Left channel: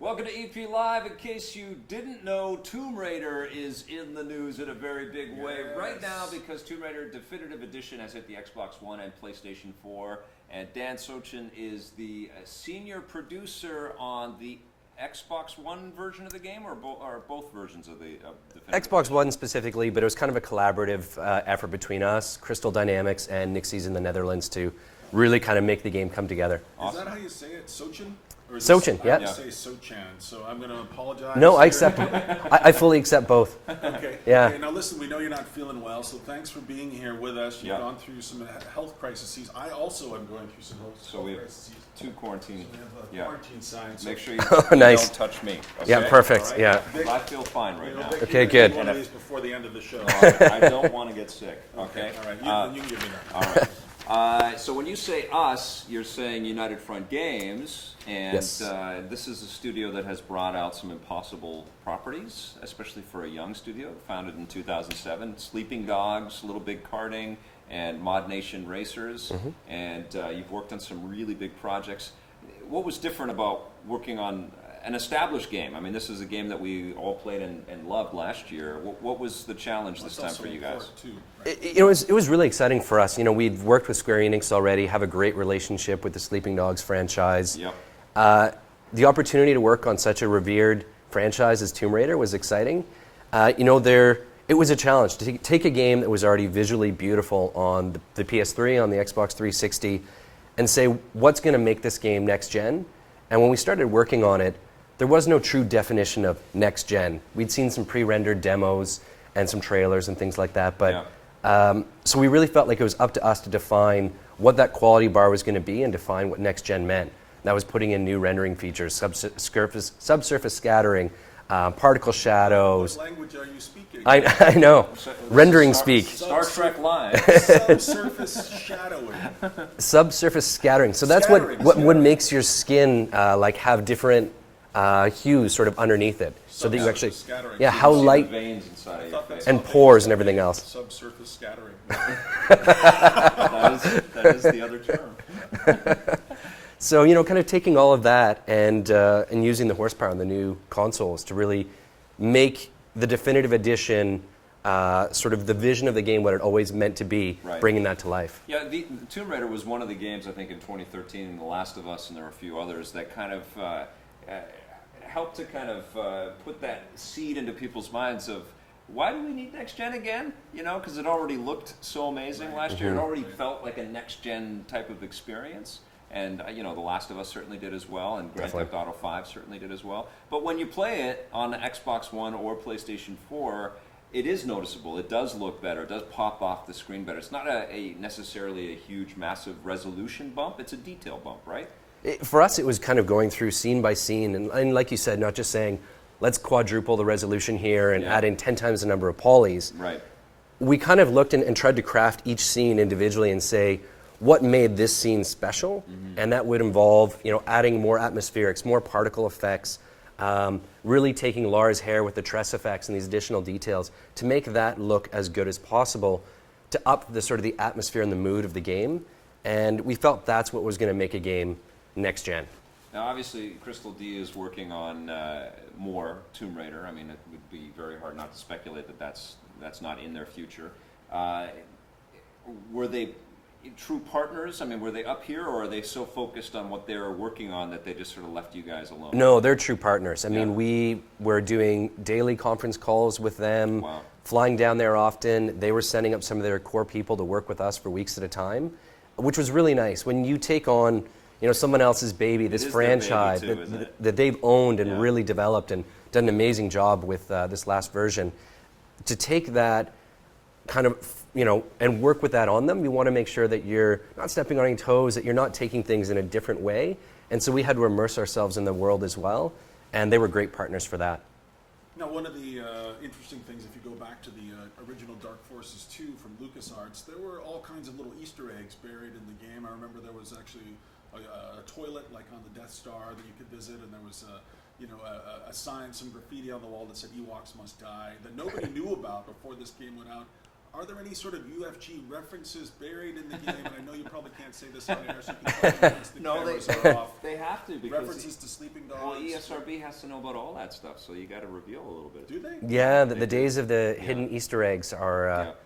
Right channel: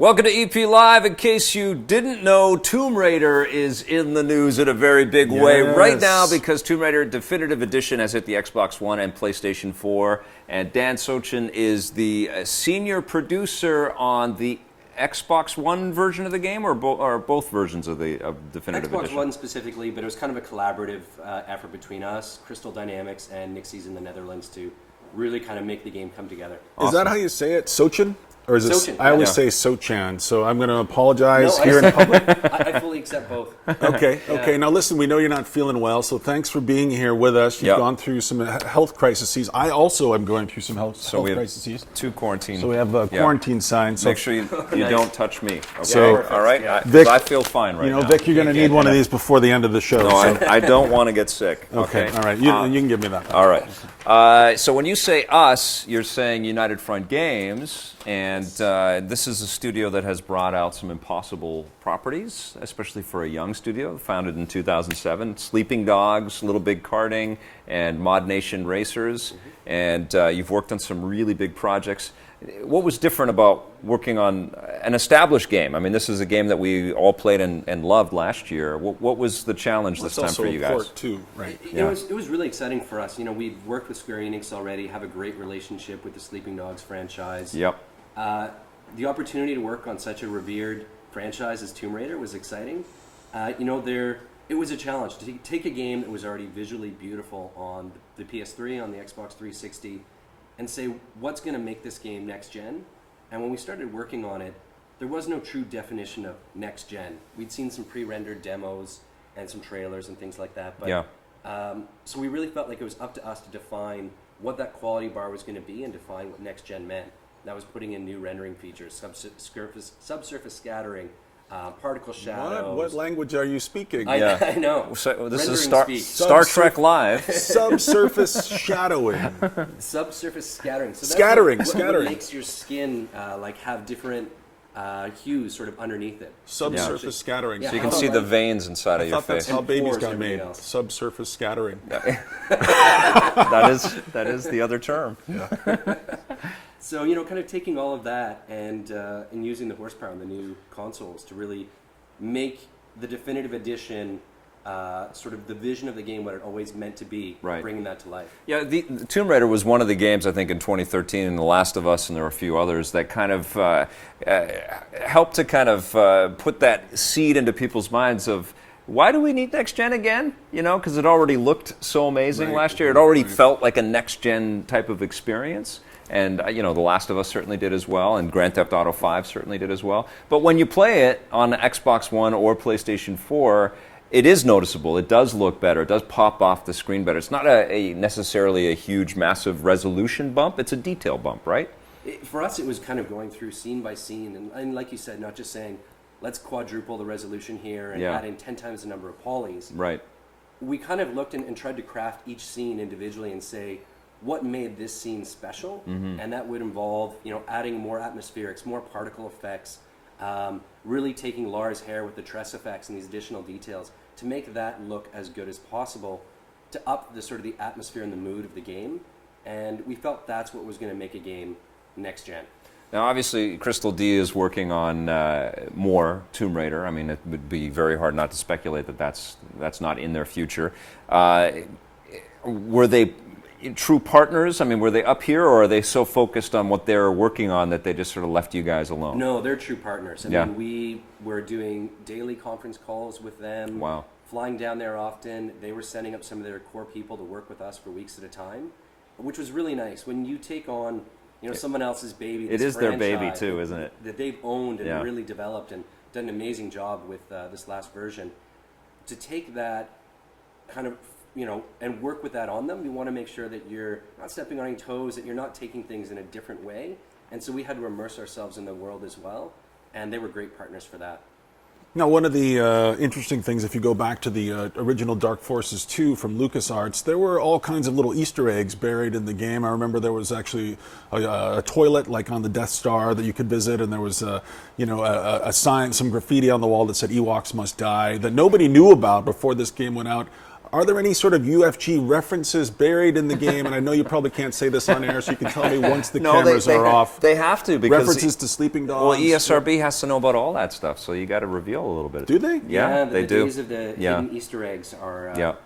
Welcome to EP Live. In case you didn't know, Tomb Raider is in the news in a very big way right now because Tomb Raider Definitive Edition has hit the Xbox One and PlayStation 4. And Dan Sochan is the senior producer on the Xbox One version of the game, or both versions of the Definitive Xbox Edition? One specifically, but it was kind of a collaborative effort between us, Crystal Dynamics, and Nixies in the Netherlands to really kind of make the game come together. Awesome. Is that how you say it? Sochan? Or is Sochan, I always say Sochan, so I'm going to apologize No, here in public. I fully accept both. Okay, Yeah. okay. Now listen, we know you're not feeling well, so thanks for being here with us. You've gone through some health crises. I also am going through some health crises. Two quarantine. So we have a quarantine sign. So make sure you, Nice. don't touch me. Okay? Yeah, perfect. All right? Yeah. Vic, I feel fine right now. Vic, you're going to need one of these before the end of the show. No, I don't want to get sick. Okay, all right. You can give me that. All right. So when you say us, you're saying United Front Games, and this is a studio that has brought out some impossible properties, especially for a young studio, founded in 2007. Sleeping Dogs, Little Big Karting, and Mod Nation Racers, and you've worked on some really big projects. What was different about working on an established game? I mean, this is a game that we all played and loved last year. What was the challenge this time for you guys? Port too, right? It was really exciting for us. You know, we've worked with Square Enix already, have a great relationship with the Sleeping Dogs franchise. Yep. The opportunity to work on such a revered franchise as Tomb Raider was exciting. It was a challenge to take a game that was already visually beautiful on the PS3, on the Xbox 360, and say, what's going to make this game next gen? And when we started working on it, there was no true definition of next gen. We'd seen some pre-rendered demos and some trailers and things like that, but so we really felt like it was up to us to define what that quality bar was going to be and define what next gen meant. That was putting in new rendering features, subsurface scattering, particle shadows. What language are you speaking? I know. So rendering speak. Star Trek Live. Subsurface shadowing. Subsurface scattering. So that's what makes your skin have different hues sort of underneath it. Subsurface scattering. Yeah, So you how can see light the veins inside of your face. and pores and everything else. Subsurface scattering. That is the other term. So, kind of taking all of that and using the horsepower on the new consoles to really make the definitive edition sort of the vision of the game, what it always meant to be, bringing that to life. Yeah, the Tomb Raider was one of the games, I think, in 2013, and The Last of Us, and there were a few others, that kind of helped to kind of put that seed into people's minds of, why do we need next gen again? Because it already looked so amazing last year. It already felt like a next gen type of experience. And, The Last of Us certainly did as well, and Grand Theft Auto 5 certainly did as well. But when you play it on Xbox One or PlayStation 4, it is noticeable. It does look better. It does pop off the screen better. It's not necessarily a huge, massive resolution bump. It's a detail bump, right? For us, it was kind of going through scene by scene. And like you said, not just saying, let's quadruple the resolution here and add in 10 times the number of polys. Right. We kind of looked and tried to craft each scene individually and say, what made this scene special? And that would involve, adding more atmospherics, more particle effects, really taking Lara's hair with the tress effects and these additional details to make that look as good as possible to up the sort of the atmosphere and the mood of the game. And we felt that's what was going to make a game next gen. Now, obviously, Crystal D is working on more Tomb Raider. I mean, it would be very hard not to speculate that that's not in their future. Were they true partners? I mean, were they up here, or are they so focused on what they're working on that they just sort of left you guys alone? No, they're true partners. I mean, we were doing daily conference calls with them, flying down there often. They were sending up some of their core people to work with us for weeks at a time, which was really nice. When you take on, someone else's baby, this franchise their baby too, isn't it? That they've owned and really developed and done an amazing job with this last version, to take that kind of and work with that on them, you want to make sure that you're not stepping on any toes, that you're not taking things in a different way. And so we had to immerse ourselves in the world as well, and they were great partners for that. Now, one of the interesting things, if you go back to the original Dark Forces 2 from LucasArts, there were all kinds of little Easter eggs buried in the game. I remember there was actually a toilet like on the Death Star that you could visit, and there was a sign, some graffiti on the wall that said Ewoks must die, that nobody knew about before this game went out. Are there any sort of UFG references buried in the game? And I know you probably can't say this on air, so you can tell me once the cameras are off. They have to, because References to Sleeping Dogs. Well, ESRB has to know about all that stuff, so you got to reveal a little bit. Do they? Yeah, they the do. days of the hidden Easter eggs are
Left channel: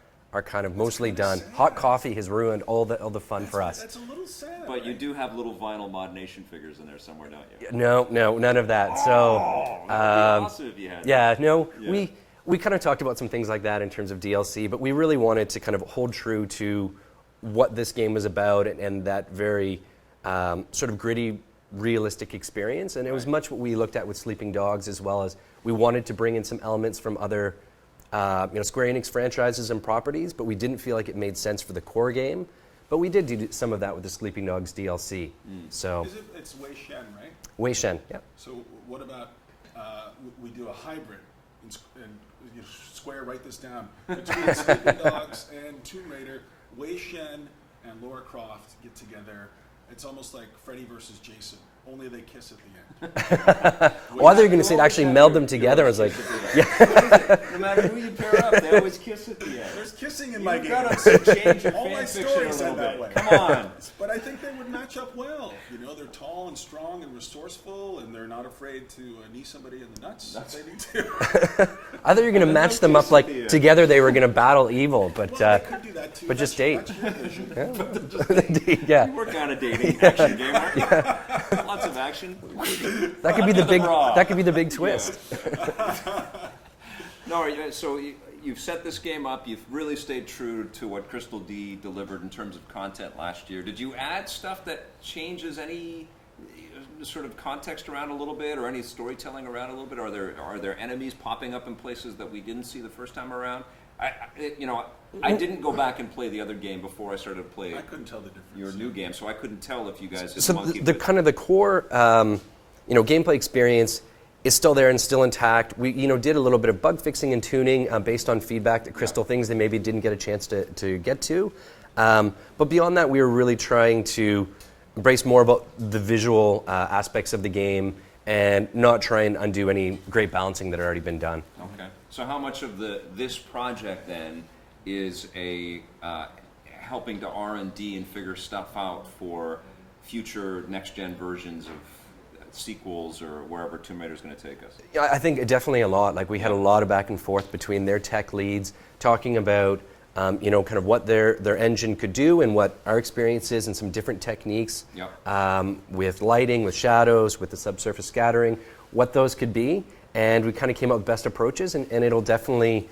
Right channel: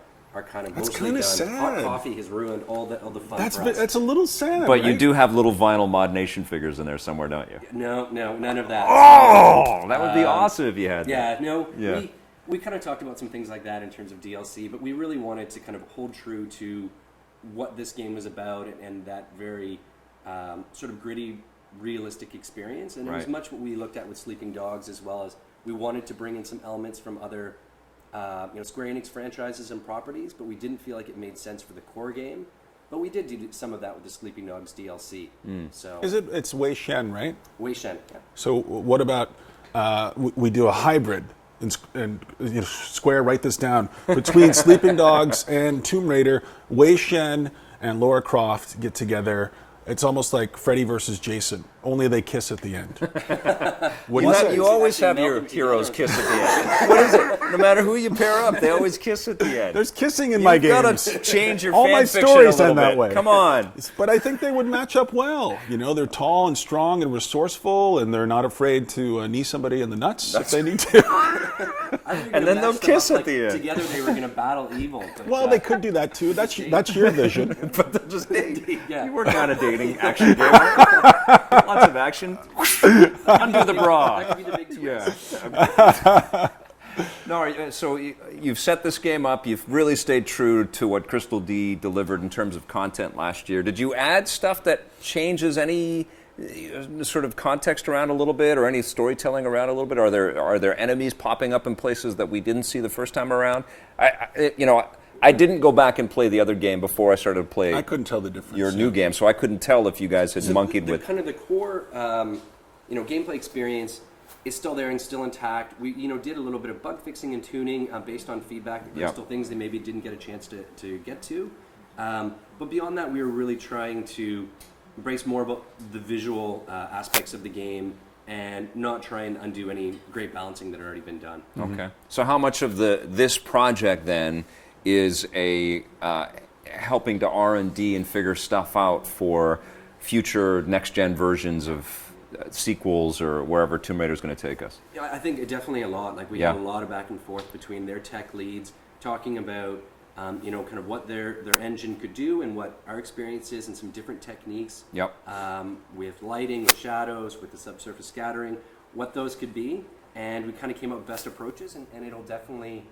kind of mostly kinda done. sad. Hot coffee has ruined all the fun for us. That's a little sad. But you right? do have little vinyl Mod Nation figures in there somewhere, don't you? No, none of that. Oh, that would be awesome if you had. Yeah, no, Yeah. we kind of talked about some things like that in terms of DLC, but we really wanted to kind of hold true to what this game was about and that very sort of gritty, realistic experience. And it was Right. much what we looked at with Sleeping Dogs, as well as we wanted to bring in some elements from other Square Enix franchises and properties, but we didn't feel like it made sense for the core game. But we did do some of that with the Sleeping Dogs DLC. So It's Wei Shen, right? Wei Shen, yeah. So what about we do a hybrid and Square, write this down, between Sleeping Dogs and Tomb Raider. Wei Shen and Lara Croft get together. It's almost like Freddy versus Jason, only they kiss at the end. Well, I think you can actually meld them together as What is it? No matter who you pair up, they always kiss at the end. There's kissing in my You've game. got to change your All fan my fiction stories a little end that bit. way. Come on. But I think they would match up well. They're tall and strong and resourceful, and they're not afraid to knee somebody in the nuts if they need to. I thought you were going to then match they'll them up kiss at like the end. together they were going to battle evil. But Well, they could do that too. but That's, just date. that's your vision. yeah, You work on a dating action game. Right? Lots of action. that could be the big. bra. That could be the big twist. No, so you've set this game up. You've really stayed true to what Crystal D delivered in terms of content last year. Did you add stuff that changes any sort of context around a little bit, or any storytelling around a little bit? Are there enemies popping up in places that we didn't see the first time around? I didn't go back and play the other game before I started to play I couldn't tell the difference. your new game, so I couldn't tell if you guys had So monkeyed the with. kind of the core, gameplay experience is still there and still intact. We, did a little bit of bug fixing and tuning based on feedback that Crystal things they maybe didn't get a chance to get to. But beyond that, we were really trying to embrace more about the visual aspects of the game and not try and undo any great balancing that had already been done. Okay. So how much of this project then is helping to R&D and figure stuff out for future next-gen versions of sequels or wherever Tomb Raider is going to take us? Yeah, I think definitely a lot. Like we had a lot of back and forth between their tech leads talking about kind of what their engine could do and what our experience is, and some different techniques with lighting, with shadows, with the subsurface scattering, what those could be. And we kind of came up with best approaches, and it'll definitely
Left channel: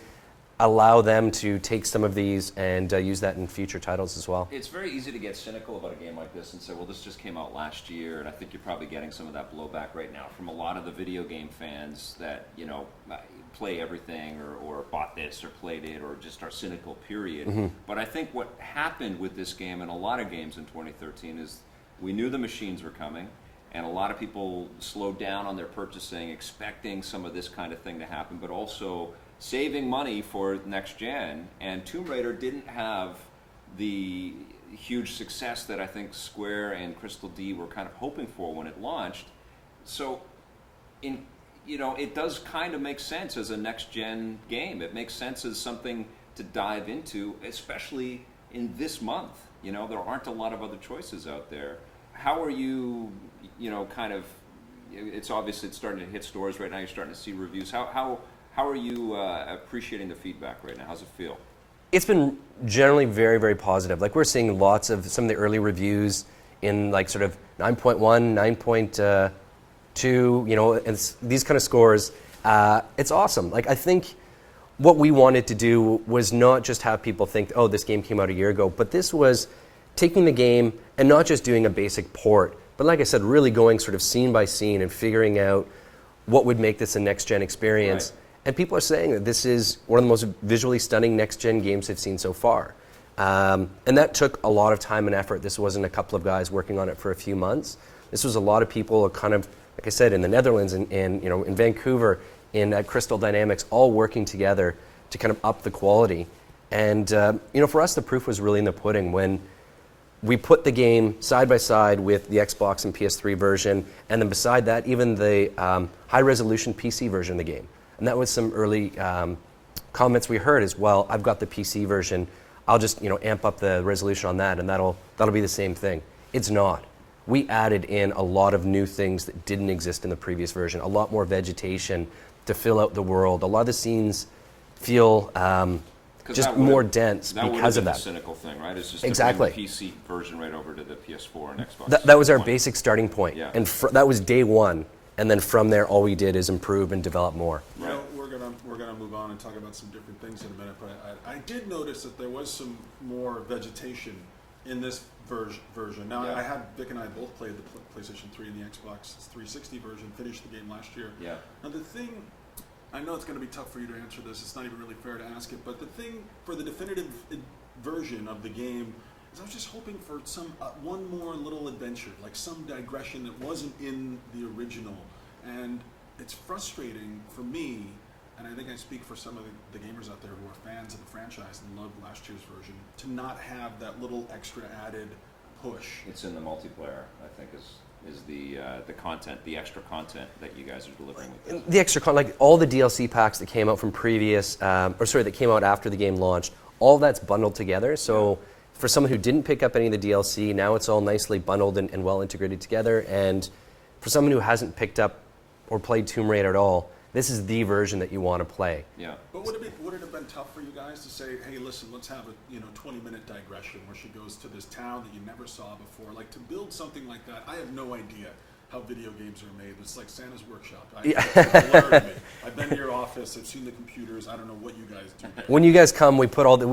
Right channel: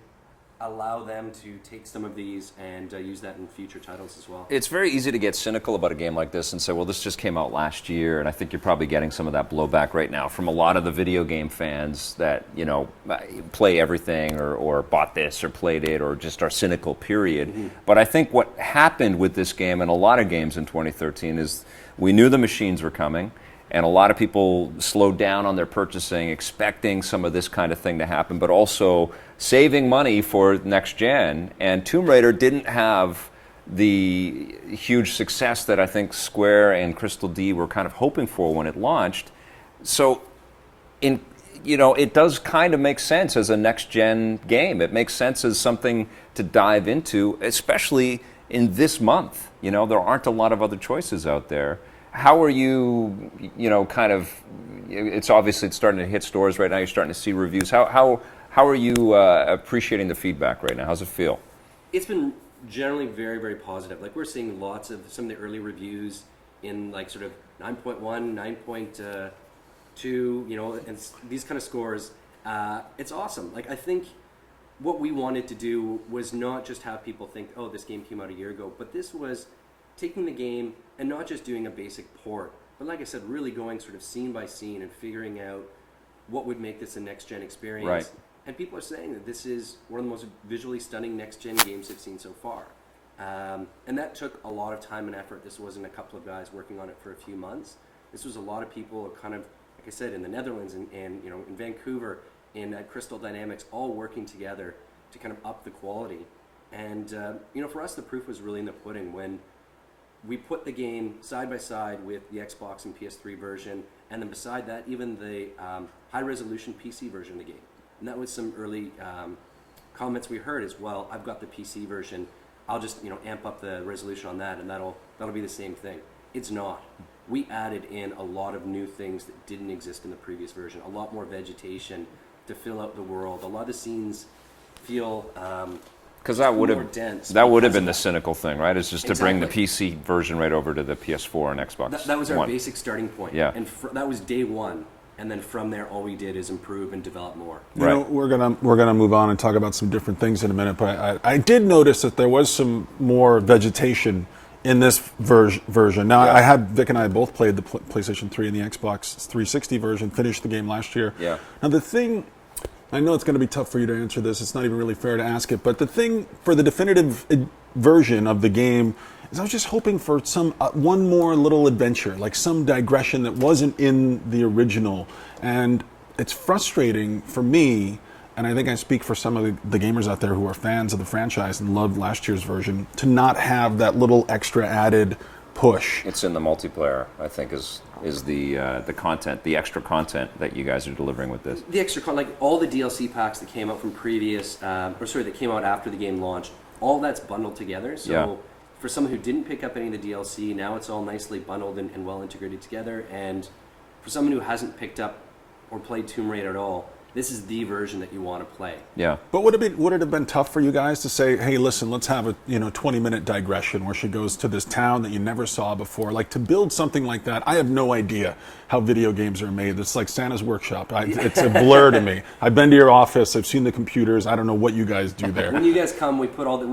allow them to take some of these and use that in future titles as well. It's very easy to get cynical about a game like this and say, well, this just came out last year, and I think you're probably getting some of that blowback right now from a lot of the video game fans that, play everything or bought this or played it or just are cynical, period. Mm-hmm. But I think what happened with this game and a lot of games in 2013 is we knew the machines were coming, and a lot of people slowed down on their purchasing, expecting some of this kind of thing to happen, but also saving money for next gen. And Tomb Raider didn't have the huge success that I think Square and Crystal D were kind of hoping for when it launched. So, it does kind of make sense as a next gen game. It makes sense as something to dive into, especially in this month. There aren't a lot of other choices out there. How are you, it's obviously it's starting to hit stores right now. You're starting to see reviews. How are you appreciating the feedback right now? How's it feel? It's been generally very, very positive. Like we're seeing lots of some of the early reviews in like sort of 9.1, 9.2, and these kind of scores. It's awesome. Like I think what we wanted to do was not just have people think, oh, this game came out a year ago, but this was taking the game and not just doing a basic port, but like I said, really going sort of scene by scene and figuring out what would make this a next-gen experience. Right. And people are saying that this is one of the most visually stunning next-gen games they've seen so far. And that took a lot of time and effort. This wasn't a couple of guys working on it for a few months. This was a lot of people kind of, like I said, in the Netherlands and in Vancouver, in Crystal Dynamics, all working together to kind of up the quality. And for us, the proof was really in the pudding when we put the game side by side with the Xbox and PS3 version, and then beside that, even the high-resolution PC version of the game. And that was some early comments we heard is, well, I've got the PC version. I'll just amp up the resolution on that, and that'll be the same thing. It's not. We added in a lot of new things that didn't exist in the previous version. A lot more vegetation to fill out the world. A lot of the scenes feel just more dense. That would have been the cynical thing, right? It's just Exactly. to bring the PC version right over to the PS4 and Xbox. That was our One. basic starting point. Yeah. And that was day one. And then from there, all we did is improve and develop more. You know, we're gonna move on and talk about some different things in a minute. But I did notice that there was some more vegetation in this version. Now, Yeah. Vic and I both played the PlayStation 3 and the Xbox 360 version. Finished the game last year. Yeah. Now the thing, I know it's going to be tough for you to answer this. It's not even really fair to ask it. But the thing for the definitive version of the game is I was just hoping for some one more little adventure, like some digression that wasn't in the original. And it's frustrating for me, and I think I speak for some of the gamers out there who are fans of the franchise and loved last year's version, to not have that little extra added push. It's in the multiplayer, I think, is the content, the extra content that you guys are delivering with this. The extra content, like all the DLC packs that came out from that came out after the game launched, all that's bundled together. So Yeah. for someone who didn't pick up any of the DLC, now it's all nicely bundled and well integrated together. And for someone who hasn't picked up or played Tomb Raider at all, this is the version that you want to play. Yeah. But would it have been tough for you guys to say, hey, listen, let's have a 20-minute digression where she goes to this town that you never saw before? Like, to build something like that, I have no idea how video games are made. It's like Santa's workshop. It's a blur to me. I've been to your office. I've seen the computers. I don't know what you guys do there. When you guys come, we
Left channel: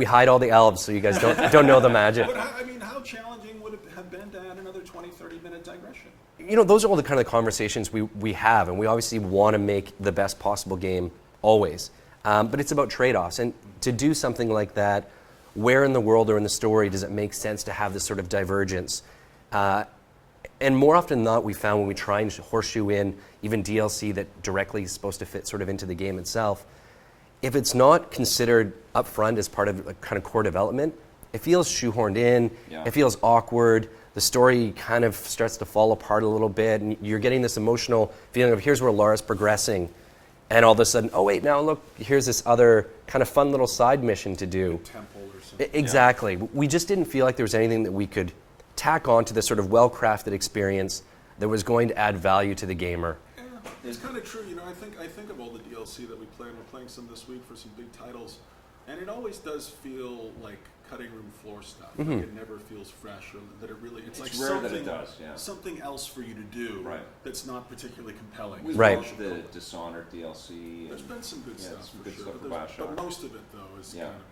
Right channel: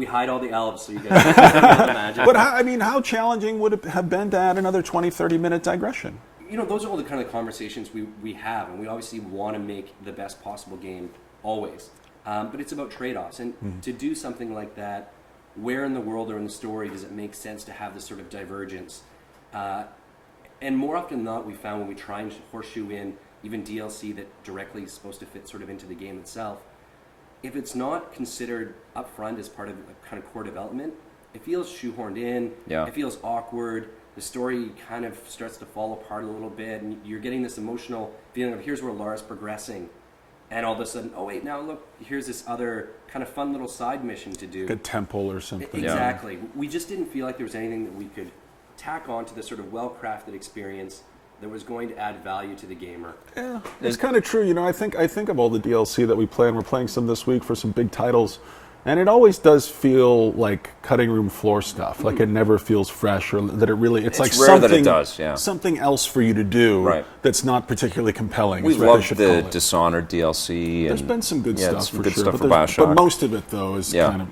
hide all the elves so you guys don't know the magic. But how challenging would it have been to add another 20, 30-minute digression? Those are all the kind of conversations we have, and we obviously want to make the best possible game always. But it's about trade-offs, and to do something like that, where in the world or in the story does it make sense to have this sort of divergence? And more often than not, we found when we try and horseshoe in even DLC that directly is supposed to fit sort of into the game itself, if it's not considered upfront as part of a kind of core development, it feels shoehorned in, Yeah. It feels awkward, the story kind of starts to fall apart a little bit, and you're getting this emotional feeling of here's where Laura's progressing, and all of a sudden, oh wait, now look, here's this other kind of fun little side mission to do. A temple or something. Exactly. We just didn't feel like there was anything that we could tack on to this sort of well-crafted experience that was going to add value to the gamer. Yeah, it's kind of true. I think of all the DLC that we play, and we're playing some this week for some big titles, and it always does feel like cutting room floor stuff. Like it never feels fresh, or that it's like rare something that it does, yeah. something else for you to do Right. that's not particularly compelling. We is what I love should the call it. Dishonored DLC. There's been some good stuff some for good sure, stuff but, for there's- Bioshock. but most of it though is Yeah. kind of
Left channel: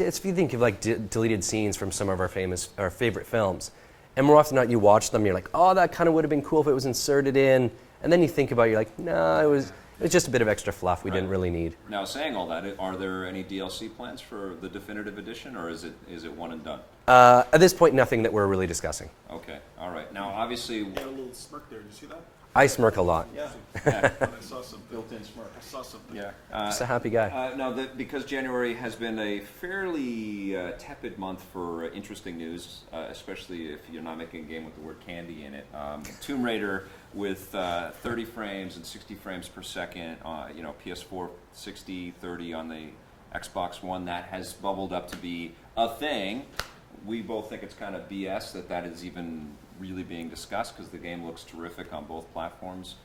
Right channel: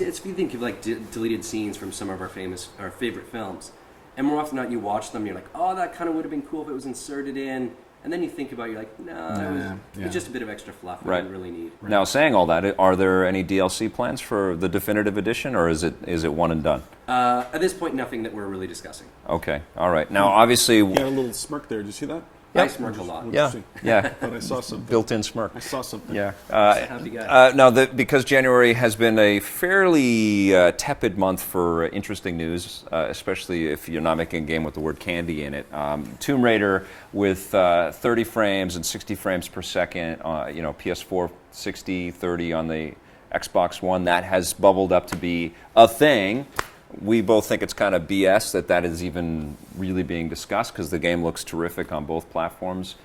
It's if you think of like deleted scenes from some of our favorite films, and more often than not, you watch them, you're like, oh, that kind of would have been cool if it was inserted in, and then you think about it, you're like, no, it's just a bit of extra fluff we Right. didn't really need. Now, saying all that, are there any DLC plans for the definitive edition, or is it one and done? At this point, nothing that we're really discussing. Okay, all right. Now, obviously, You had a little smirk there. Did you see that? I smirk a lot. yeah, yeah, But I saw something. built-in smirk. I saw something. Yeah. Just a happy guy. Now, because January has been a fairly tepid month for interesting news, especially if you're not making a game with the word candy in it. Tomb Raider with 30 frames and 60 frames per second, PS4 60, 30 on the Xbox One, that has bubbled up to be a thing. We both think it's kind of BS that is even really being discussed, because the game looks terrific on both platforms.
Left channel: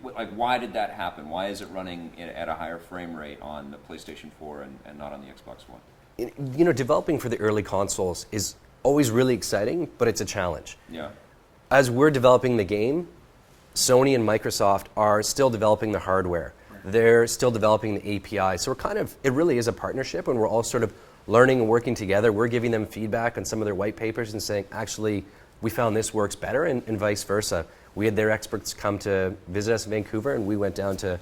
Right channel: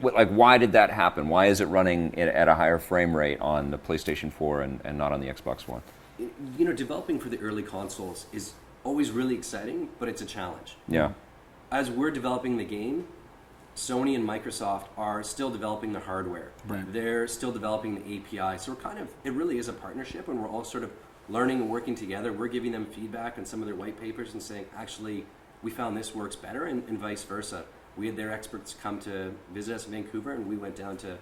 Why did that happen? Why is it running at a higher frame rate on the PlayStation 4 and not on the Xbox One? Developing for the early consoles is always really exciting, but it's a challenge. Yeah. As we're developing the game, Sony and Microsoft are still developing the hardware. Right. They're still developing the API. So it really is a partnership, and we're all sort of learning and working together. We're giving them feedback on some of their white papers and saying, actually, we found this works better, and vice versa. We had their experts come to visit us in Vancouver, and we went down to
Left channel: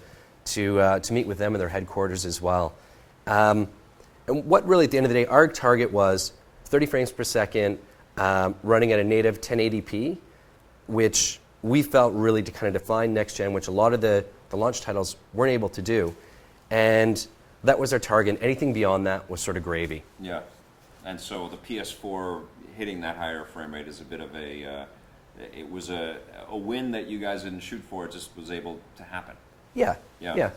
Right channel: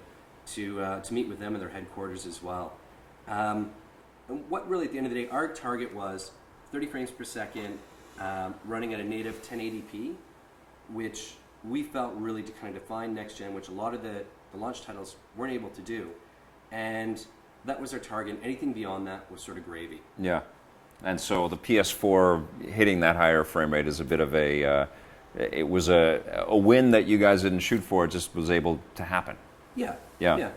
meet with them in their headquarters as well. And what really, at the end of the day, our target was 30 frames per second, running at a native 1080p, which we felt really to kind of define next gen, which a lot of the launch titles weren't able to do. And that was our target. Anything beyond that was sort of gravy. Yeah. And so the PS4 hitting that higher frame rate is a bit of it was a win that you guys didn't shoot for. It just was able to happen. Yeah. Yeah.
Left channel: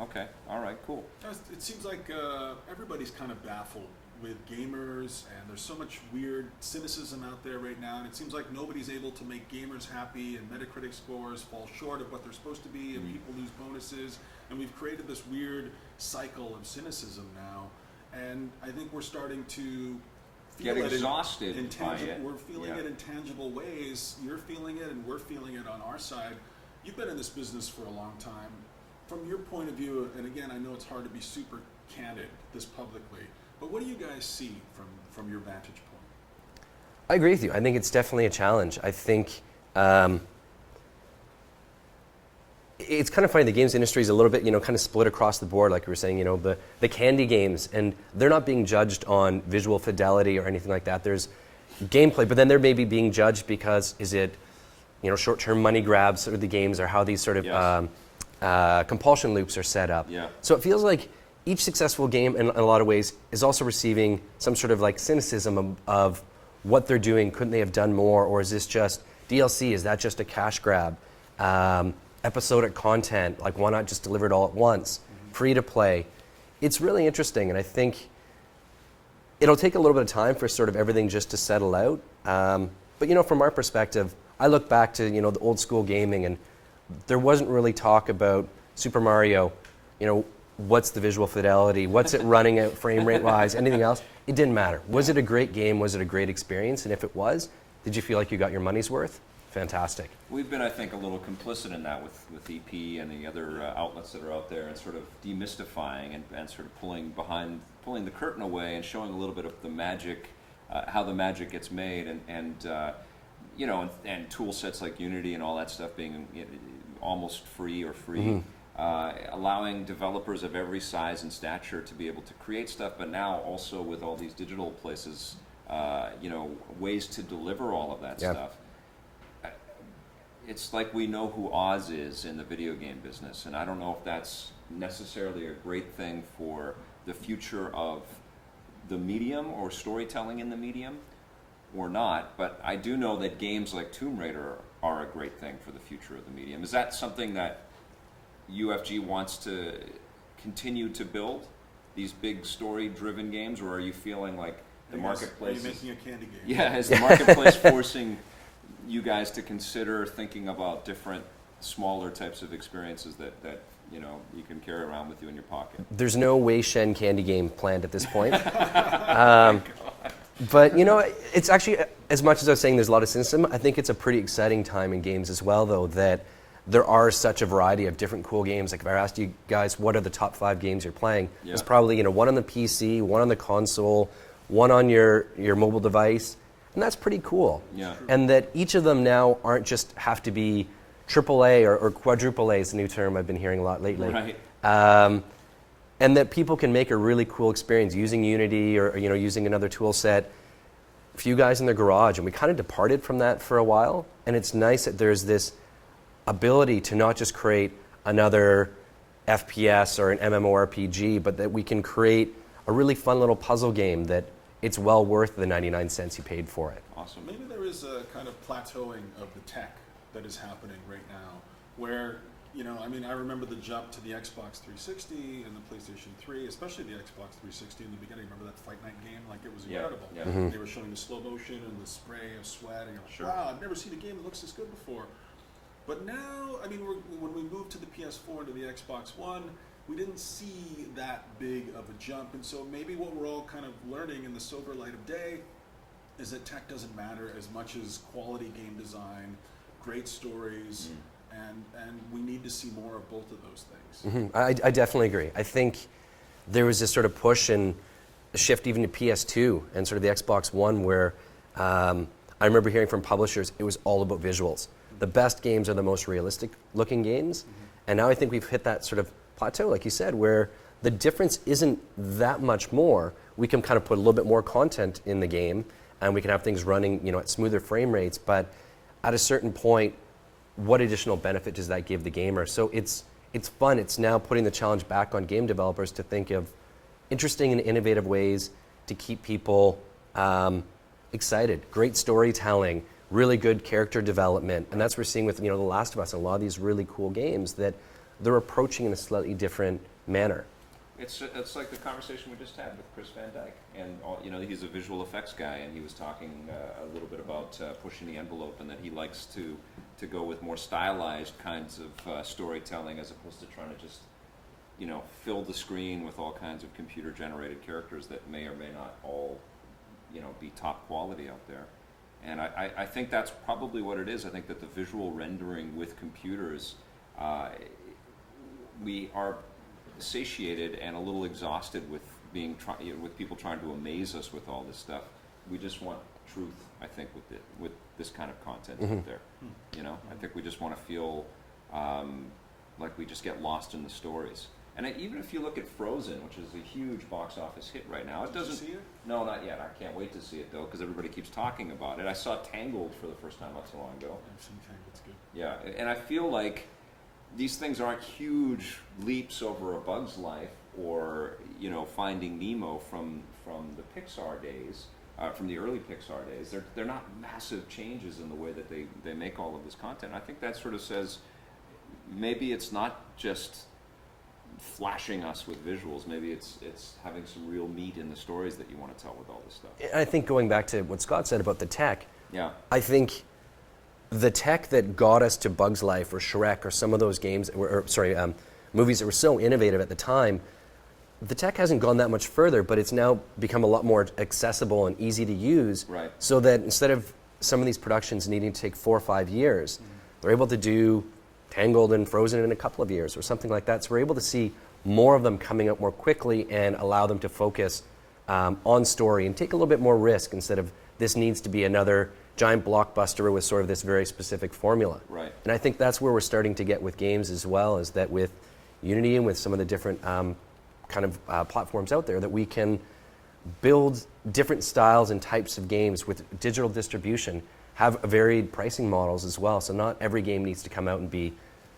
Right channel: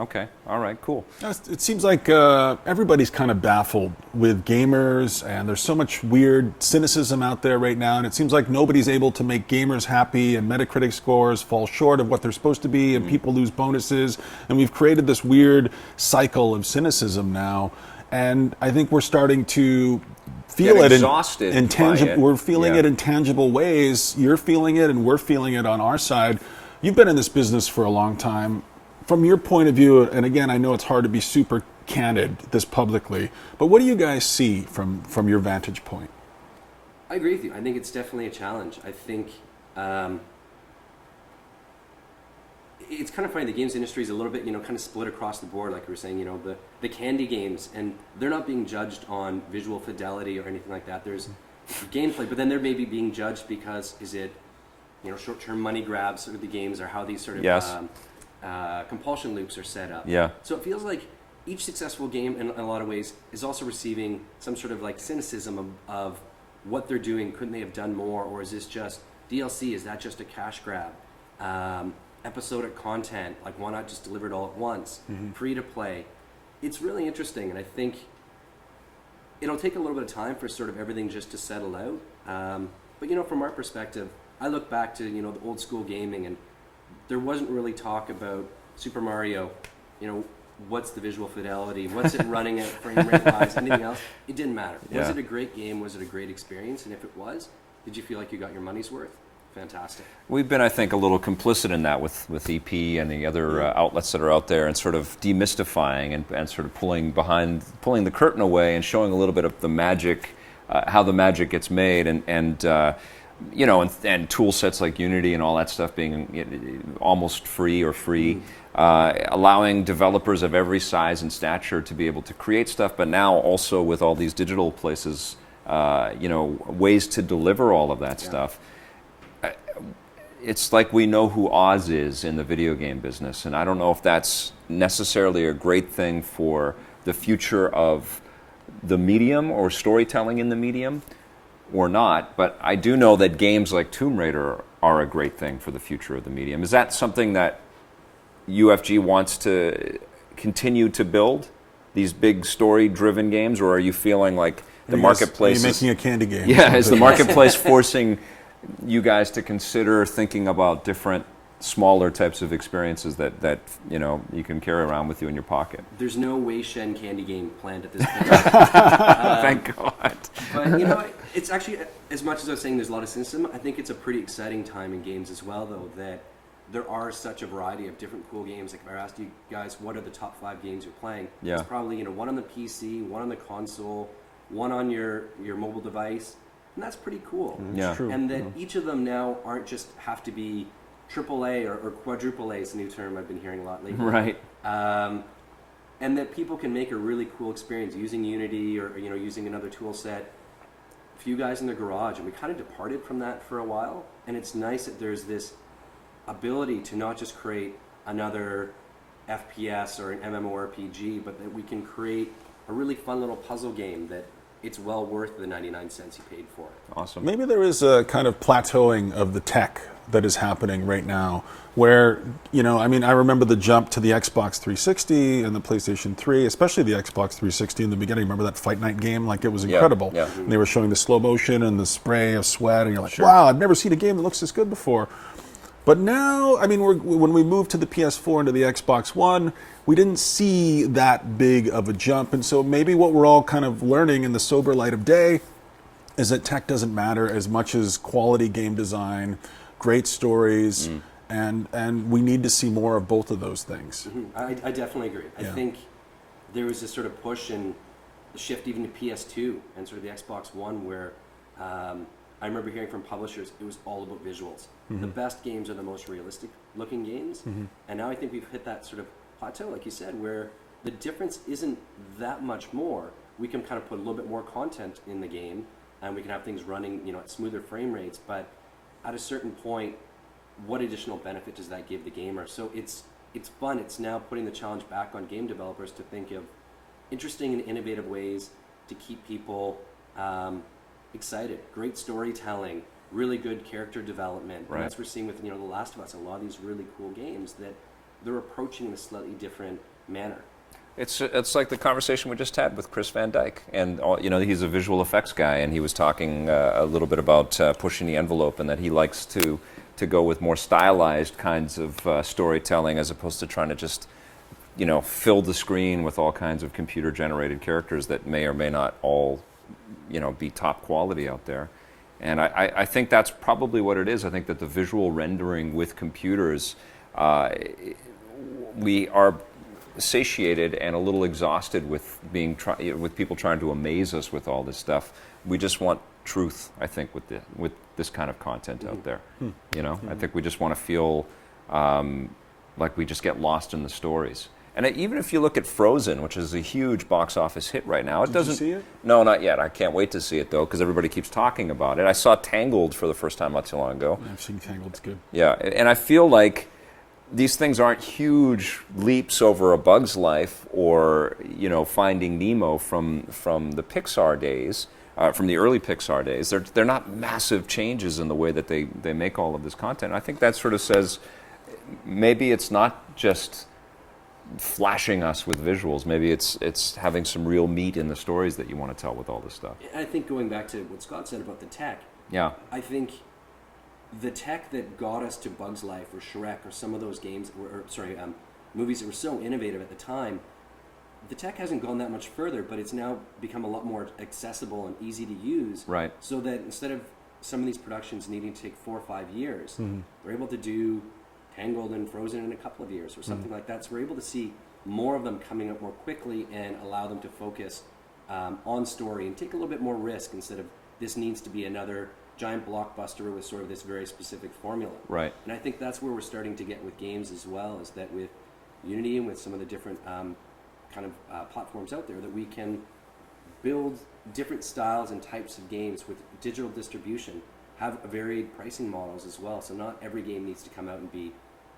Okay. All right. Cool. It seems like everybody's kind of baffled with gamers, and there's so much weird cynicism out there right now, and it seems like nobody's able to make gamers happy, and Metacritic scores fall short of what they're supposed to be, and people lose bonuses, and we've created this weird cycle of cynicism now, and I think we're starting to feel Get it exhausted in by tangible. it. We're feeling Yeah. it in tangible ways. You're feeling it, and we're feeling it on our side. You've been in this business for a long time. From your point of view, and again, I know it's hard to be super candid this publicly, but what do you guys see from your vantage point? I agree with you. I think it's definitely a challenge. I think it's kind of funny. The games industry is a little bit, kind of split across the board, like we were saying. The candy games, and they're not being judged on visual fidelity or anything like that. There's gameplay, but then they're maybe being judged because is it, short-term money grabs sort of the games, or how these sort of Yes. compulsion loops are set up. Yeah. So it feels like each successful game, in a lot of ways, is also receiving some sort of like cynicism of what they're doing. Couldn't they have done more, or is this just DLC? Is that just a cash grab? Episodic content, like why not just deliver it all at once? Free to play. It's really interesting, and I think it'll take a little bit of time for sort of everything just to settle out. But from our perspective, I look back to the old school gaming, and there wasn't really talk about Super Mario. What's the visual fidelity? What's it running at frame rate wise? Anything else? It didn't matter. Was Yeah. it a great game? Was it a great experience? And if it was, did you feel like you got your money's worth? Fantastic. We've been, I think, a little complicit in that with EP and the other outlets that are out there, and sort of demystifying and sort of pulling the curtain away and showing a little bit of the magic, how the magic gets made, and tool sets like Unity and all that stuff being almost free or free, allowing developers of every size and stature to be able to create stuff, but now also with all these digital places, ways to deliver all of that stuff. It's like we know who Oz is in the video game business, and I don't know if that's necessarily a great thing for the future of the medium or storytelling in the medium or not, but I do know that games like Tomb Raider are a great thing for the future of the medium. Is that something that UFG wants to continue to build, these big story-driven games, or are you feeling like the marketplace Are you making a candy game? Yeah, is the marketplace forcing you guys to consider thinking about different smaller types of experiences that you can carry around with you in your pocket? There's no Wei Shen candy game planned at this point. Thank God. But it's actually, as much as I was saying there's a lot of cynicism, I think it's a pretty exciting time in games as well, though, that there are such a variety of different cool games. Like if I asked you guys what are the top 5 games you're playing, Yeah. it's probably one on the PC, one on the console, one on your mobile device, and that's pretty cool. Yeah. True. And that each of them now aren't just have to be AAA or quadruple A is a new term I've been hearing a lot lately. Right. And that people can make a really cool experience using Unity or using another tool set. A few guys in their garage, and we kind of departed from that for a while. And it's nice that there's this ability to not just create another FPS or an MMORPG, but that we can create a really fun little puzzle game that it's well worth the 99 cents you paid for it. Awesome. Maybe there is a kind of plateauing of the tech that is happening right now where, I remember the jump to the Xbox 360 and the PlayStation 3, especially the Xbox 360 in the beginning. Remember that Fight Night game? Like, it was incredible. Yeah. And they were showing the slow motion and the spray of sweat, and you're like, wow, I've never seen a game that looks this good before. But now, when we moved to the PS4 and to the Xbox One, we didn't see that big of a jump. And so maybe what we're all kind of learning in the sober light of day is that tech doesn't matter as much as quality game design, great stories, and we need to see more of both of those things. I definitely agree. I think there was this sort of push and a shift even to PS2 and sort of the Xbox One where I remember hearing from publishers it was all about visuals. The best games are the most realistic looking games. And now I think we've hit that sort of plateau, like you said, where the difference isn't that much more. We can kind of put a little bit more content in the game and we can have things running at smoother frame rates. But at a certain point, what additional benefit does that give the gamer? So it's fun. It's now putting the challenge back on game developers to think of interesting and innovative ways to keep people excited. Great storytelling, really good character development, and that's what we're seeing with The Last of Us. A lot of these really cool games that they're approaching in a slightly different manner. It's like the conversation we just had with Chris Van Dyke, and he's a visual effects guy, and he was talking a little bit about pushing the envelope, and that he likes to go with more stylized kinds of storytelling as opposed to trying to just fill the screen with all kinds of computer generated characters that may or may not all be top quality out there. And I think that's probably what it is. I think that the visual rendering with computers, we are satiated and a little exhausted with with people trying to amaze us with all this stuff. We just want truth, I think, with this kind of content out there. I think we just want to feel like we just get lost in the stories. And even if you look at Frozen, which is a huge box office hit right now, Did you see it? No, not yet. I can't wait to see it though, because everybody keeps talking about it. I saw Tangled for the first time not too long ago. I've seen Tangled. It's good. Yeah, and I feel like these things aren't huge leaps over A Bug's Life or Finding Nemo from the Pixar days, from the early Pixar days. They're not massive changes in the way that they make all of this content. I think that sort of says maybe it's not just flashing us with visuals. Maybe it's having some real meat in the stories that you want to tell with all this stuff. I think going back to what Scott said about the tech, Yeah. I think the tech that got us to Bug's Life or Shrek or some of those games, movies that were so innovative at the time, the tech hasn't gone that much further, but it's now become a lot more accessible and easy to use. Right. So that instead of some of these productions needing to take 4 or 5 years, they're able to do Tangled and Frozen in a couple of years or something like that. So we're able to see more of them coming out more quickly and allow them to focus on story and take a little bit more risk instead of this needs to be another giant blockbuster with sort of this very specific formula. Right. And I think that's where we're starting to get with games as well, is that with Unity and with some of the different platforms out there, that we can build different styles and types of games with digital distribution, have varied pricing models as well. So not every game needs to come out and be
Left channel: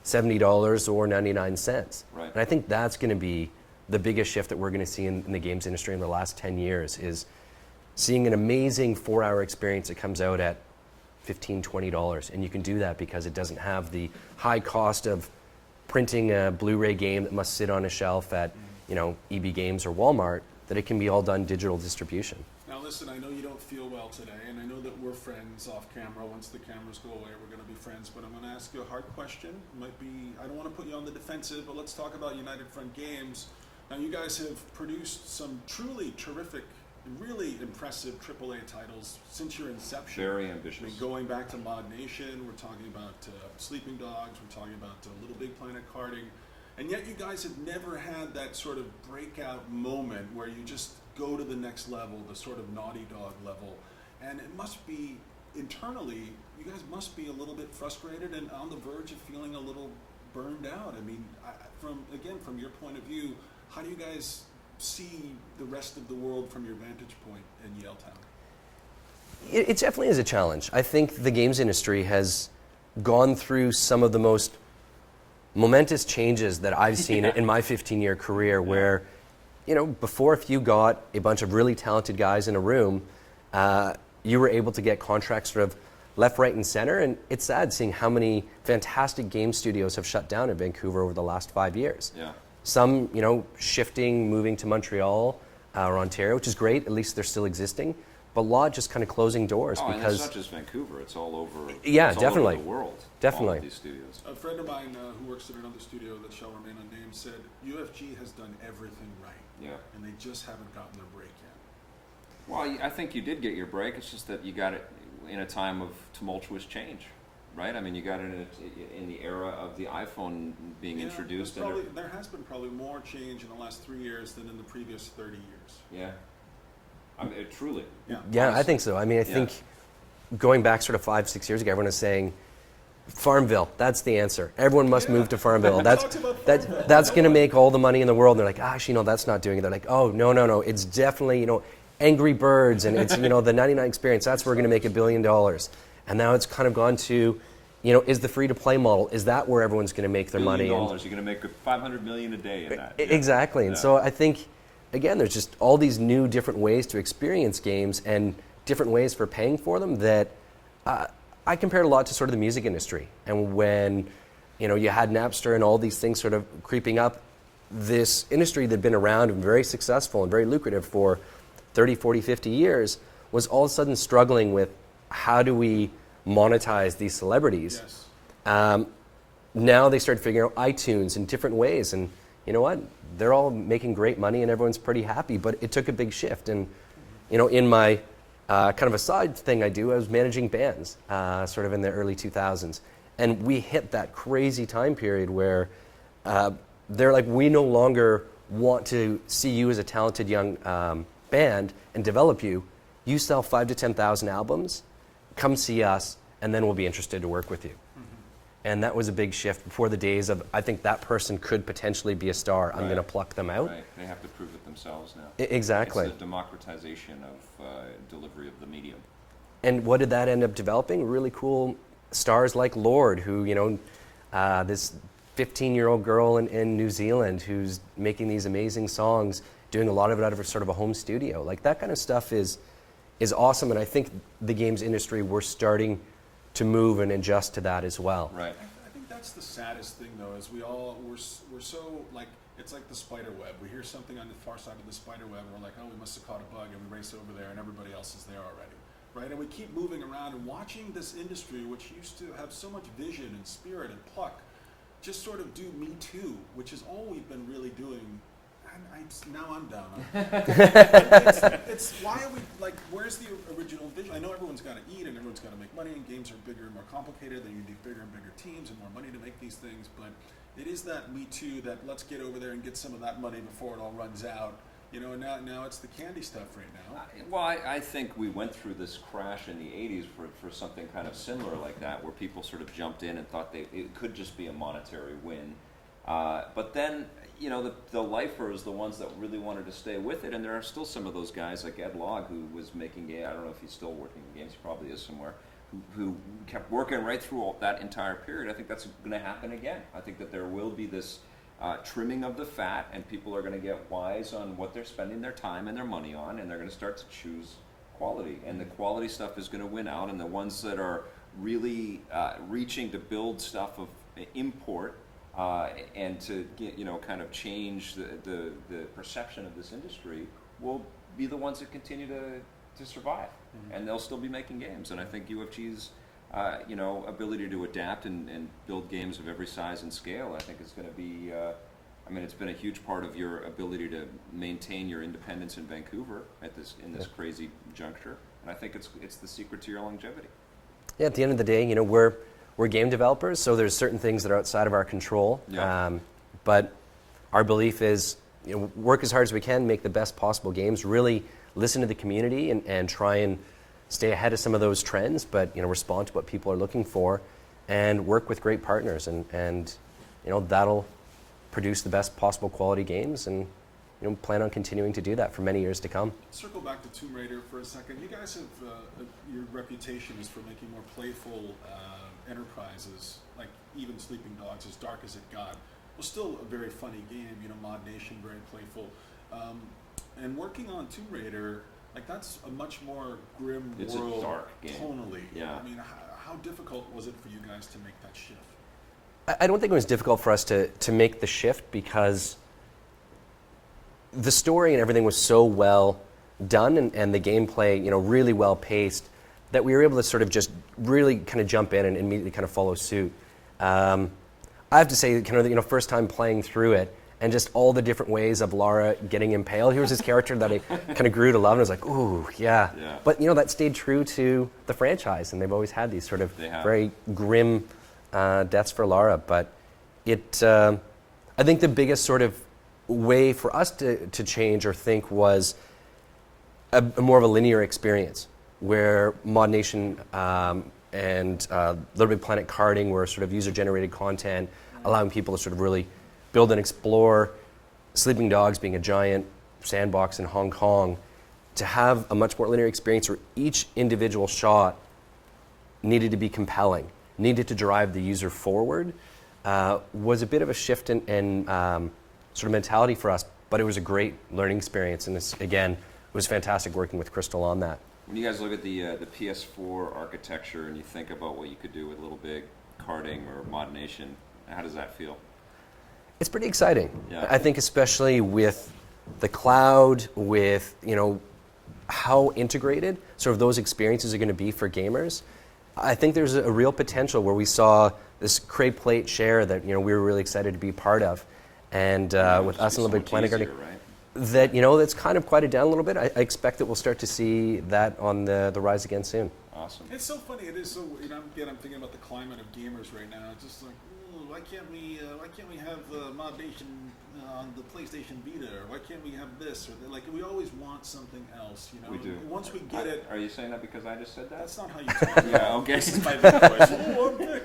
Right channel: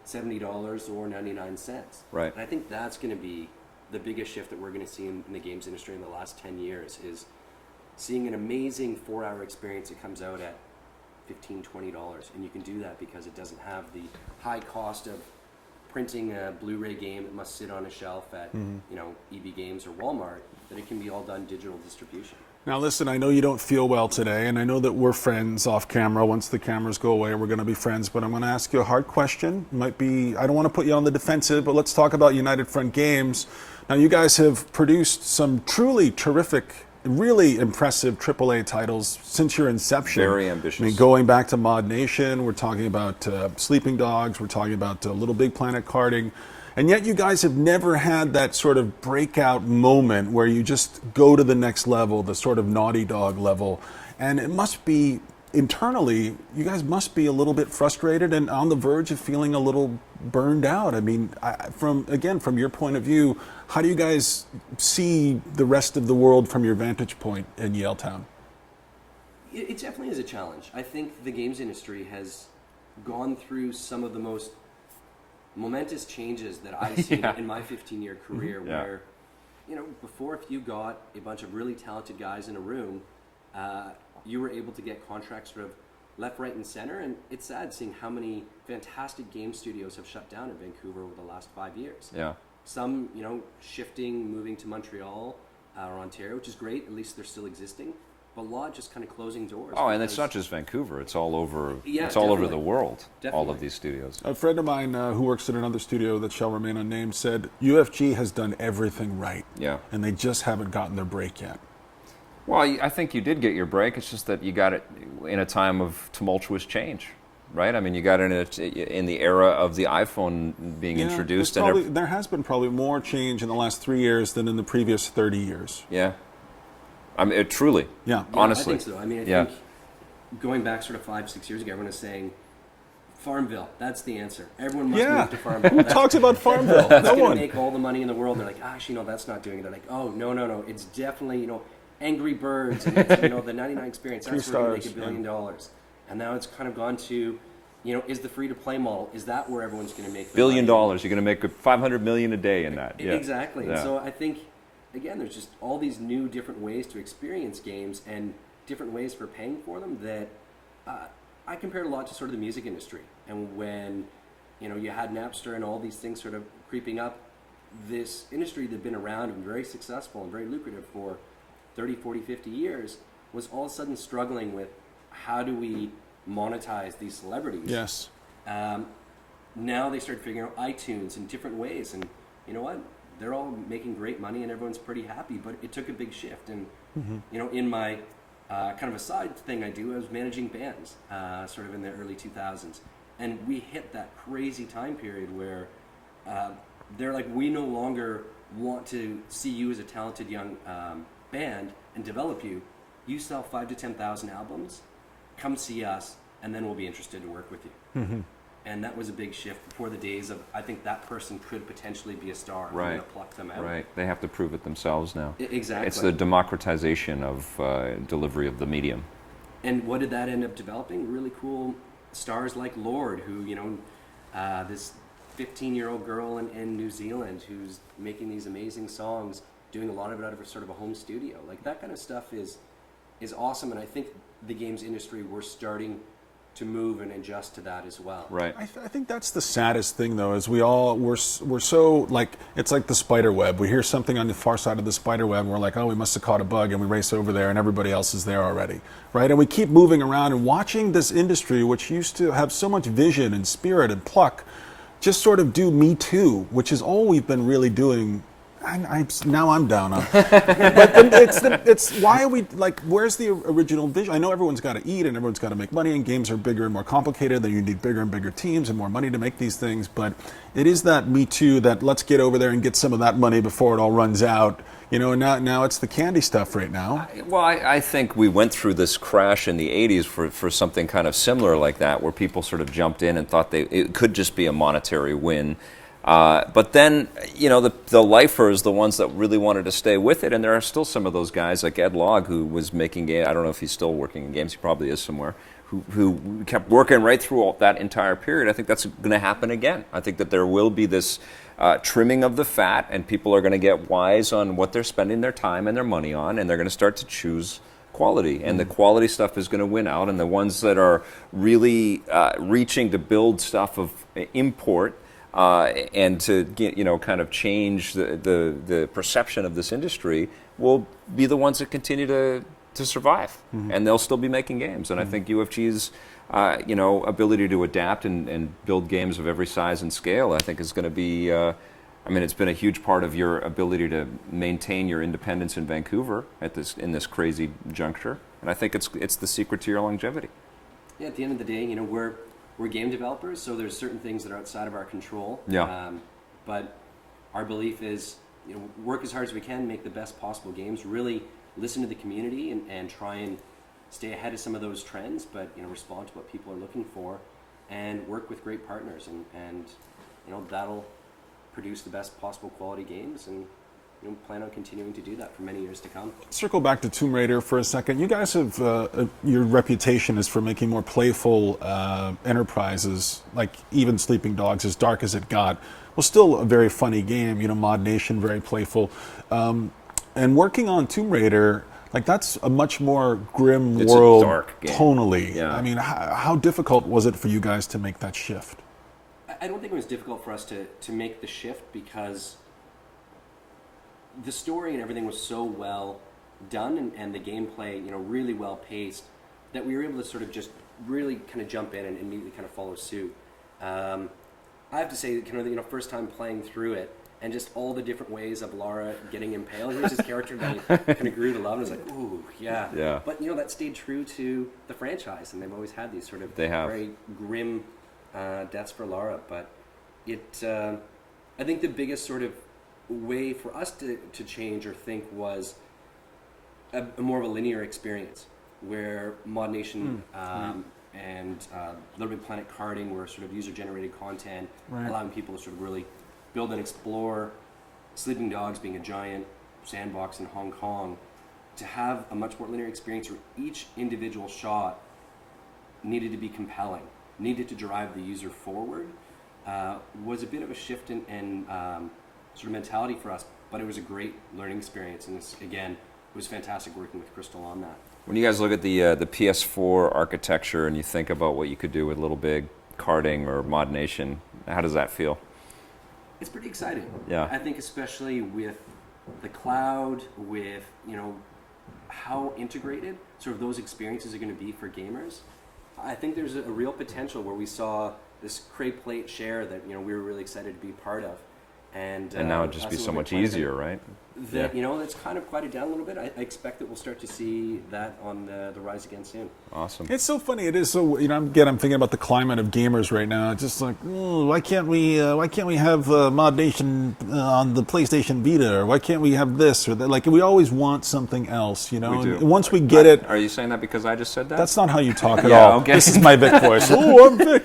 $70 or 99 cents. Right. And I think that's going to be the biggest shift that we're going to see in the games industry in the last 10 years, is seeing an amazing 4-hour experience that comes out at $15, $20. And you can do that because it doesn't have the high cost of printing a Blu-ray game that must sit on a shelf at EB Games or Walmart, that it can be all done digital distribution. Now listen, I know you don't feel well today, and I know that we're friends off camera. Once the cameras go away, we're going to be friends, but I'm going to ask you a hard question. I don't want to put you on the defensive, but let's talk about United Front Games. Now you guys have produced some truly terrific, really impressive AAA titles since your inception. Very ambitious. I mean, going back to Mod Nation, we're talking about Sleeping Dogs, we're talking about Little Big Planet karting, and yet you guys have never had that sort of breakout moment where you just go to the next level, the sort of Naughty Dog level. And it must be, internally, you guys must be a little bit frustrated and on the verge of feeling a little burned out. I mean, from your point of view, how do you guys see the rest of the world from your vantage point in Yaletown? It definitely is a challenge. I think the games industry has gone through some of the most momentous changes that I've seen in my 15-year career, where, before, if you got a bunch of really talented guys in a room, you were able to get contracts sort of left, right, and center. And it's sad seeing how many fantastic game studios have shut down in Vancouver over the last 5 years. Yeah. Some, shifting, moving to Montreal or Ontario, which is great. At least they're still existing. But a lot just kind of closing doors. Oh, and it's not just Vancouver. It's all over. Yeah, it's all over definitely. the world. Definitely. All of these studios. A friend of mine who works at another studio that shall remain unnamed said UFG has done everything right. Yeah. And they just haven't gotten their break yet. Well, I think you did get your break. It's just that you got it in a time of tumultuous change, right? I mean, you got it in the era of the iPhone being introduced. There has been probably more change in the last 3 years than in the previous 30 years. Yeah. I mean, truly. Yeah. Yeah, honestly. I think so. I mean, I think going back sort of 5-6 years ago, everyone is saying, Farmville, that's the answer. Everyone must move to Farmville. Who talks about Farmville? That's No going to one. make all the money in the world. And they're like, actually, no, that's not doing it. They're like, oh, no. It's definitely, Angry Birds and it's, the 99 experience. That's where we're going to make $1 billion. And now it's kind of gone to, is the free-to-play model, is that where everyone's going to make their $1 billion. money? You're going to make $500 million a day in that. Yeah. Exactly. And Yeah. so I think, again, there's just all these new different ways to experience games and different ways for paying for them that I compared a lot to sort of the music industry. And when you had Napster and all these things sort of creeping up. This industry that had been around and very successful and very lucrative for 30, 40, 50 years was all of a sudden struggling with how do we monetize these celebrities. Yes. Now they started figuring out iTunes in different ways, and you know what? They're all making great money and everyone's pretty happy, but it took a big shift. And in my kind of a side thing I do, I was managing bands sort of in the early 2000s. And we hit that crazy time period where they're like, we no longer want to see you as a talented young band and develop you. You sell 5,000 to 10,000 albums, come see us, and then we'll be interested to work with you. And that was a big shift before the days of, I think that person could potentially be a star. I'm going to pluck them out. Right. They have to prove it themselves now. Exactly. It's the democratization of delivery of the medium. And what did that end up developing? Really cool stars like Lorde, who, this 15-year-old girl in New Zealand who's making these amazing songs, doing a lot of it out of sort of a home studio. Like, that kind of stuff is awesome, and I think the games industry, we're starting to move and adjust to that as well. Right. I think that's the saddest thing, though, is we're so, like, it's like the spider web. We hear something on the far side of the spider web, and we're like, oh, we must have caught a bug, and we race over there, and everybody else is there already, right? And we keep moving around and watching this industry, which used to have so much vision and spirit and pluck, just sort of do Me Too, which is all we've been really doing. Now I'm down on it. But it's why are we, like, where's the original vision? I know everyone's got to eat and everyone's got to make money, and games are bigger and more complicated, then you need bigger and bigger teams and more money to make these things, but it is that Me Too, that let's get over there and get some of that money before it all runs out. And now it's the candy stuff right now. Well, I think we went through this crash in the 80s for something kind of similar like that, where people sort of jumped in and thought it could just be a monetary win. But then, the lifers, the ones that really wanted to stay with it, and there are still some of those guys like Ed Logg, who was making games. I don't know if he's still working in games. He probably is somewhere. Who kept working right through all that entire period. I think that's going to happen again. I think that there will be this trimming of the fat, and people are going to get wise on what they're spending their time and their money on, and they're going to start to choose quality. And the quality stuff is going to win out, and the ones that are really reaching to build stuff of import, and to kind of change the perception of this industry will be the ones that continue to survive, and they'll still be making games. And I think UFG's ability to adapt and build games of every size and scale, I think, is going to be. It's been a huge part of your ability to maintain your independence in Vancouver in this crazy juncture, and I think it's the secret to your longevity. Yeah, at the end of the day, we're game developers, so there's certain things that are outside of our control. Yeah. But our belief is, work as hard as we can, make the best possible games, really listen to the community and try and stay ahead of some of those trends, but respond to what people are looking for, and work with great partners, and that'll produce the best possible quality games, and plan on continuing to do that for many years to come. Circle back to Tomb Raider for a second. You guys have, your reputation is for making more playful enterprises, like even Sleeping Dogs, as dark as it got, was still a very funny game. Mod Nation, very playful. And working on Tomb Raider, like, that's a much more grim It's world a dark game. tonally. Yeah. I mean, how difficult was it for you guys to make that shift? I don't think it was difficult for us to make the shift, because the story and everything was so well done, and the gameplay, really well paced, that we were able to sort of just really kind of jump in and immediately kind of follow suit. I have to say, first time playing through it, and just all the different ways of Lara getting impaled. He was this character that I kind of grew to love, and I was like, ooh, yeah. Yeah. But that stayed true to the franchise, and they've always had these sort of very grim deaths for Lara. But I think the biggest sort of way for us to change or think was a more of a linear experience, where Mod Nation and Little Big Planet karting were sort of user-generated content, allowing people to sort of really build and explore. Sleeping Dogs being a giant sandbox in Hong Kong, to have a much more linear experience where each individual shot needed to be compelling, needed to drive the user forward, was a bit of a shift in sort of mentality for us, but it was a great learning experience, and this, again, it was fantastic working with Crystal on that. When you guys look at the PS4 architecture and you think about what you could do with Little Big, karting, or Mod Nation, How does that feel? It's pretty exciting. Yeah. I think especially with the cloud, with how integrated sort of those experiences are going to be for gamers. I think there's a real potential where we saw this Crate Plate share that we were really excited to be part of, and That would with just us be a so little much bit easier, right? that that's kind of quieted down a little bit. I expect that we'll start to see that on the rise again soon. Awesome. It's so funny. It is so. I'm thinking about the climate of gamers right now. It's just like, why can't we have Mod Nation on the PlayStation Vita, or why can't we have this or that? Like, we always want something else, We do. And once we get it, Are you saying that because I just said that? that's not how you talk at Yeah, all. okay. This is my Vic voice. Oh, I'm Vic.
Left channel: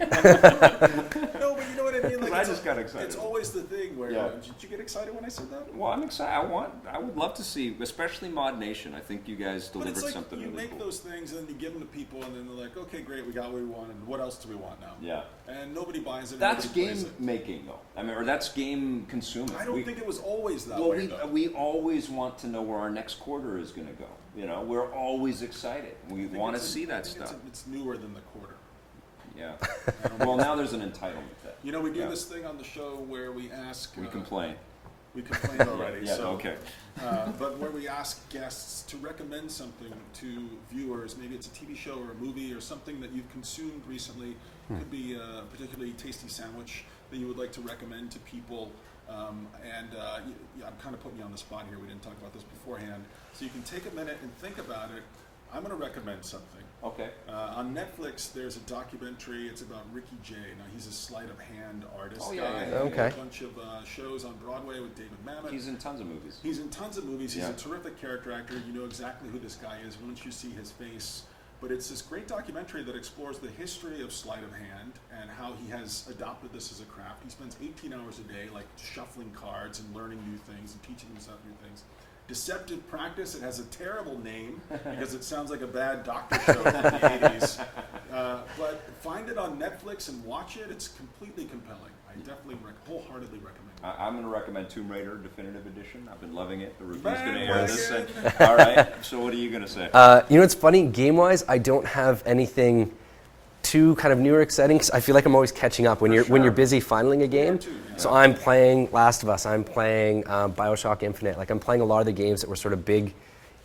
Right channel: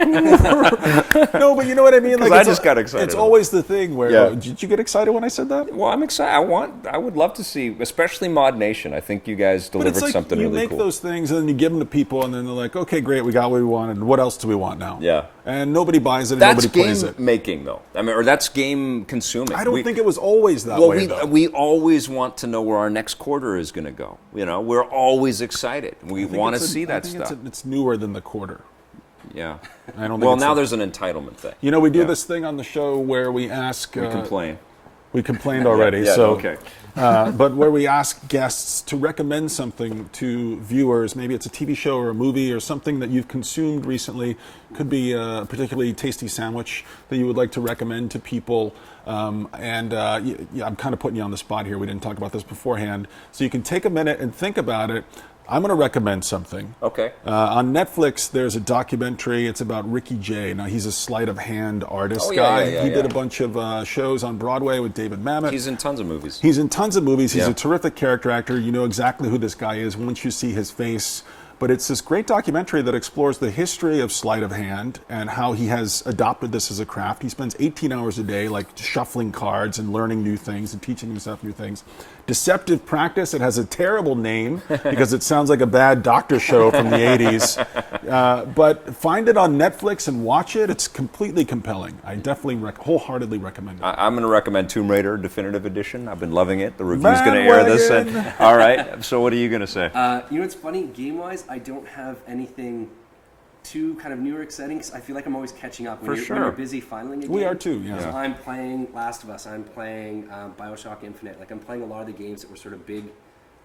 No, but you know what I mean. Like, I it's just got excited. It's always the thing where. Yeah. Did you get excited when I said that? Well, I'm excited. I would love to see, especially Mod Nation. I think you guys But delivered it's like something you really make cool. those things and then you give them to people and then they're like, okay, great, we got what we wanted. What else do we want now? Yeah. And nobody buys it and That's nobody game plays it. making, though. I mean, or that's game consuming. I don't think it was always that Well, way, though. we always want to know where our next quarter is going to go. We're always excited. We I think want to it's see I that think stuff. It's newer than the quarter. Yeah. I don't think Well, it's now a- there's an entitlement thing. we do Yeah. this thing on the show where we ask. We complain. We complained already. Yeah, so, okay. But where we ask guests to recommend something to viewers, maybe it's a TV show or a movie or something that you've consumed recently. Could be a particularly tasty sandwich that you would like to recommend to people. I'm kind of putting you on the spot here. We didn't talk about this beforehand. So you can take a minute and think about it. I'm going to recommend something. Okay. On Netflix, there's a documentary. It's about Ricky Jay. Now, he's a sleight of hand artist Oh, yeah, guy. yeah, He did yeah. a bunch of shows on Broadway with David Mamet. He's in tons of movies. He's in tons of movies. He's Yeah. a terrific character actor. You know exactly who this guy is once you see his face. But it's this great documentary that explores the history of sleight of hand and how he has adopted this as a craft. He spends 18 hours a day, like shuffling cards and learning new things and teaching himself new things. Deceptive Practice. It has a terrible name because it sounds like a bad doctor show from the 80s. But find it on Netflix and watch it. It's completely compelling. I definitely wholeheartedly recommend it. I'm going to recommend Tomb Raider Definitive Edition. I've been loving it. The review's going to air this. Bandwagon. All right. So what are you going to say? It's funny, game-wise, I don't have anything too kind of new or exciting 'cause I feel like I'm always catching up when For when sure. you're busy filing a game. We are too, yeah. So I'm playing Last of Us. I'm playing BioShock Infinite. Like I'm playing a lot of the games that were sort of big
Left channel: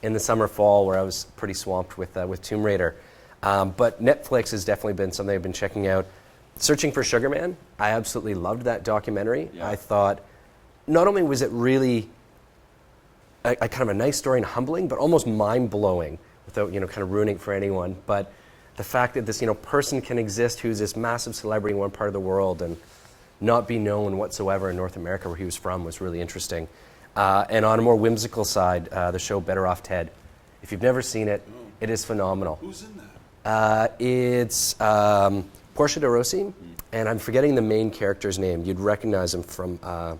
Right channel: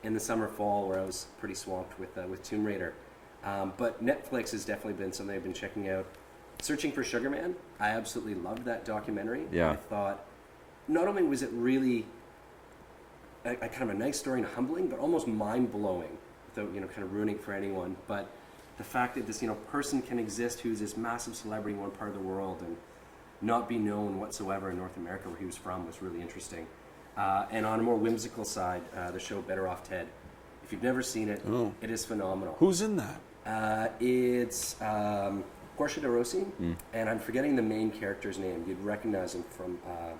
in the summer fall where I was pretty swamped with Tomb Raider. But Netflix has definitely been something I've been checking out. Searching for Sugar Man. I absolutely loved that documentary. Yeah. I thought not only was it really a kind of a nice story and humbling, but almost mind-blowing without kind of ruining it for anyone. But the fact that this person can exist who's this massive celebrity in one part of the world and not be known whatsoever in North America where he was from was really interesting. And on a more whimsical side, the show Better Off Ted. If you've never seen it, it is phenomenal. Who's in that? It's Portia de Rossi, and I'm forgetting the main character's name. You'd recognize him from a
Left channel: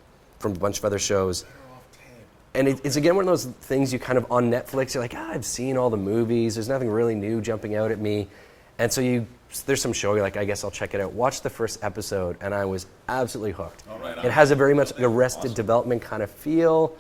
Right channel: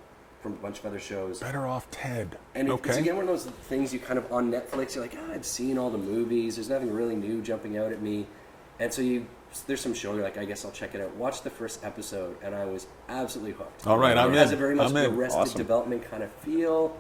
bunch of other shows. Better Off Ted. And it's Okay. again one of those things you kind of on Netflix, you're like, I've seen all the movies. There's nothing really new jumping out at me. And so there's some show, you're like, I guess I'll check it out. Watch the first episode, and I was absolutely hooked. All right, I'm It has in. a very much I'm in. Arrested Awesome. Development kind of feel.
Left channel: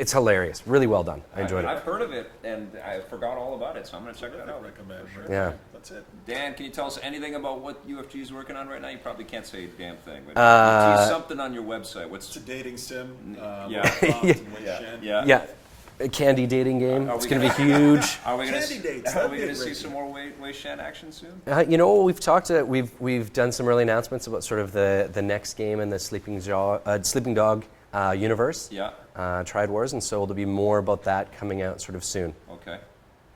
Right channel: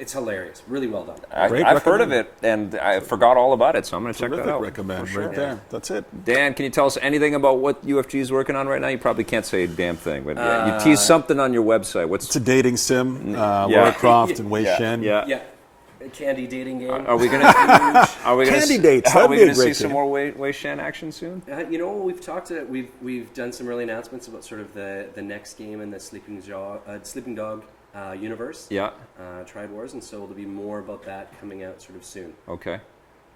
It's hilarious. Really well done. Great I've heard of recommend. it, and I forgot all about it, so I'm going to check that Terrific out. recommend For sure. right there. That's it. Dan, can you tell us anything about what UFG is working on right now? You probably can't say a damn thing, but you tease something on your website. What's It's a dating sim. Yeah. Laura Croft and Wei Shen. Yeah. A candy dating game. Are we going to huge? Are we going Candy dates, Are that'd we be a going to see great some game. more Wei Shen action soon? We've talked to we've done some early announcements about sort of the next game in the Sleeping Dog universe. Yeah. Triad Wars, and so there'll be more about that coming out sort of soon. Okay.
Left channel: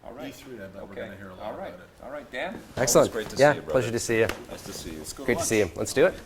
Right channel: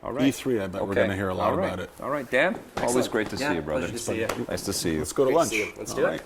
All right. E3, I bet we're going to hear a lot All right. about it. All right, Dan. Excellent. Always great to Yeah, see you, brother. pleasure to see you. Nice to see you. Let's go to Great to lunch. see you. Let's do All it. right.